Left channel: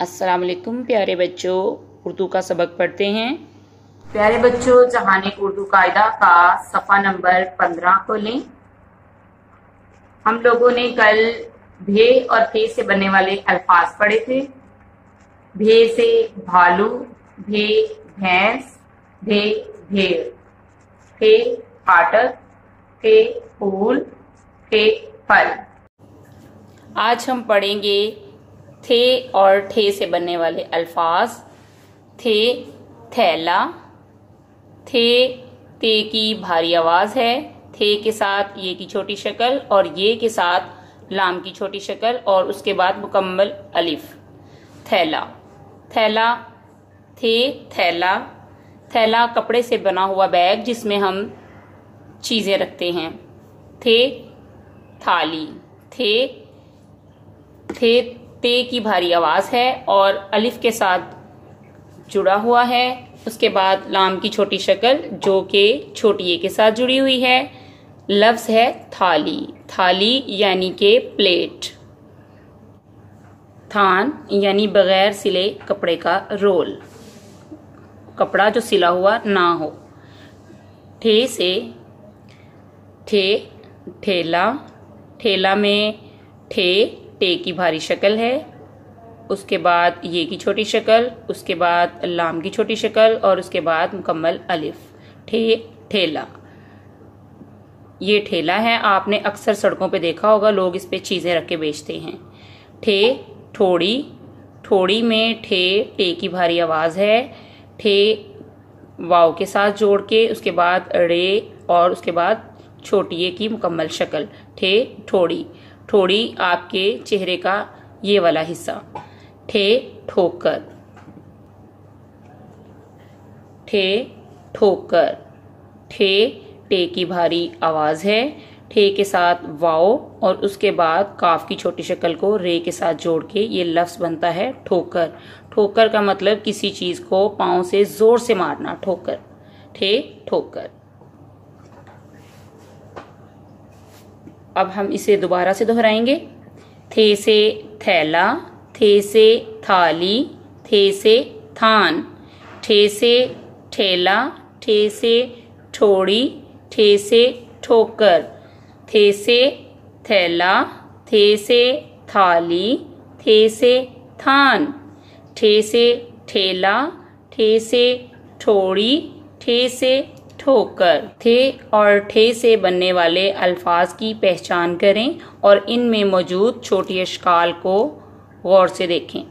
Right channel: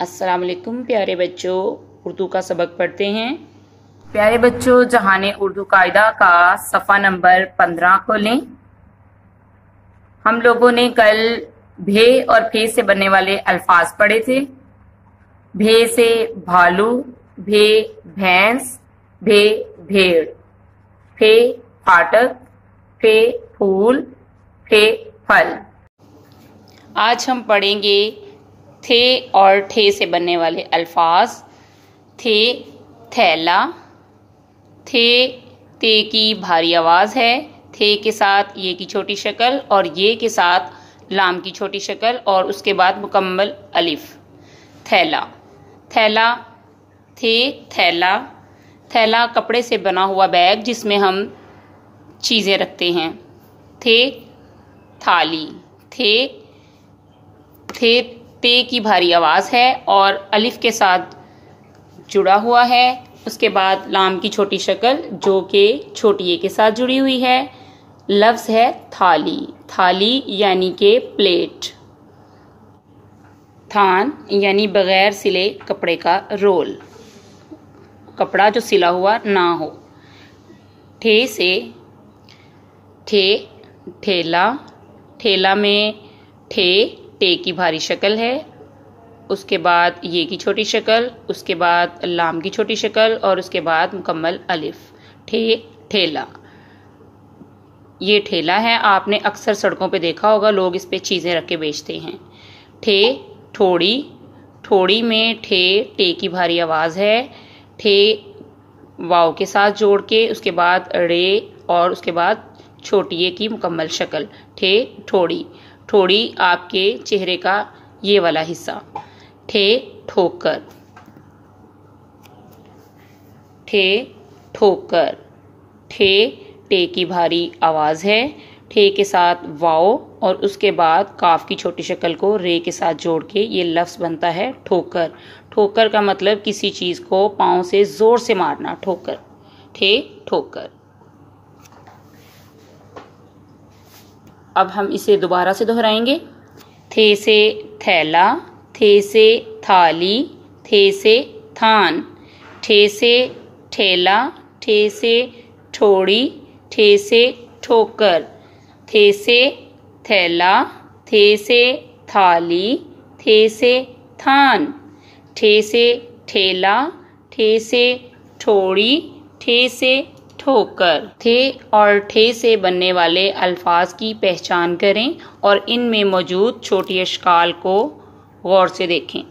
अस्सलाम वालेकुम प्यारे बच्चों, उर्दू का सबक पढ़ते हैं। प्यारे बच्चों, जहाने उर्दू कायदा का सफ़ा नंबर 15 खोलें। हम लोगों ने कल भे और फे से बनने वाले अल्फाज पढ़े थे। भे से भालू, भे भैंस, भे भेड़, फे फाटक, फे फूल, फे फल। आज हम पढ़ेंगे थे और ठे से बनने वाले अल्फाज। थे थैला, थे ते की भारी आवाज है, थे के साथ ये की छोटी शक्ल और ये के साथ लाम की छोटी शक्ल और उसके बाद मुकम्मल अलिफ। थैला, थैला, थे थैला। थैला कपड़े से बना हुआ बैग जिसमें हम चीजें रखते हैं। थे थाली, थे ते की भारी आवाज है और अलिफ के साथ जुड़ा हुआ है। उसके बाद लाम की छोटी शक्ल जो कि छोटी ए के साथ जुड़ी हुई है। लफ्ज है थाली, थाली यानी के प्लेट। थान यानी बगैर सिले कपड़े का रोल, कपड़ा जो सिला हुआ ना हो। ठे से ठे ठेला, ठेला में टे की भारी शक्ल है, उसके बाद ये की छोटी शक्ल, उसके बाद लाम की छोटी शक्ल और उसके बाद मुकम्मल अलिफ। ठेला, ये ठेला है। आपने अक्सर सड़कों पे देखा होगा, लोग इस पे चीजें रख के बेचते हैं। ठोड़ी, ठोड़ी में टे की भारी आवाज है। ठे वाव के साथ जोड़ के उसके बाद रे और उसके बाद छोटी ए की मुकम्मल शक्ल। ठोड़ी, ठोड़ी आपके चेहरे का ये वाला हिस्सा। ठोकर, ठोकर। टे की भारी आवाज है, ठे के साथ वाओ और उसके बाद काफ की छोटी शक्ल को रे के साथ जोड़ के ये लफ्ज बनता है ठोकर। ठोकर का मतलब किसी चीज को पांव से जोर से मारना, ठोकर। ठोकर। अब हम इसे दोबारा से दोहराएंगे। थे से थैला, थे से थाली, थे से थान, ठे से ठेला, ठे से ठोड़ी, ठे से ठोकर, थे से थैला, थे से थाली, थे से थान, ठे से ठेला, ठे से ठोड़ी, ठे से ठोकर। थे और ठे से बनने वाले अल्फाज की पहचान करें और इनमें मौजूद छोटी अशकाल को गौर से देखें।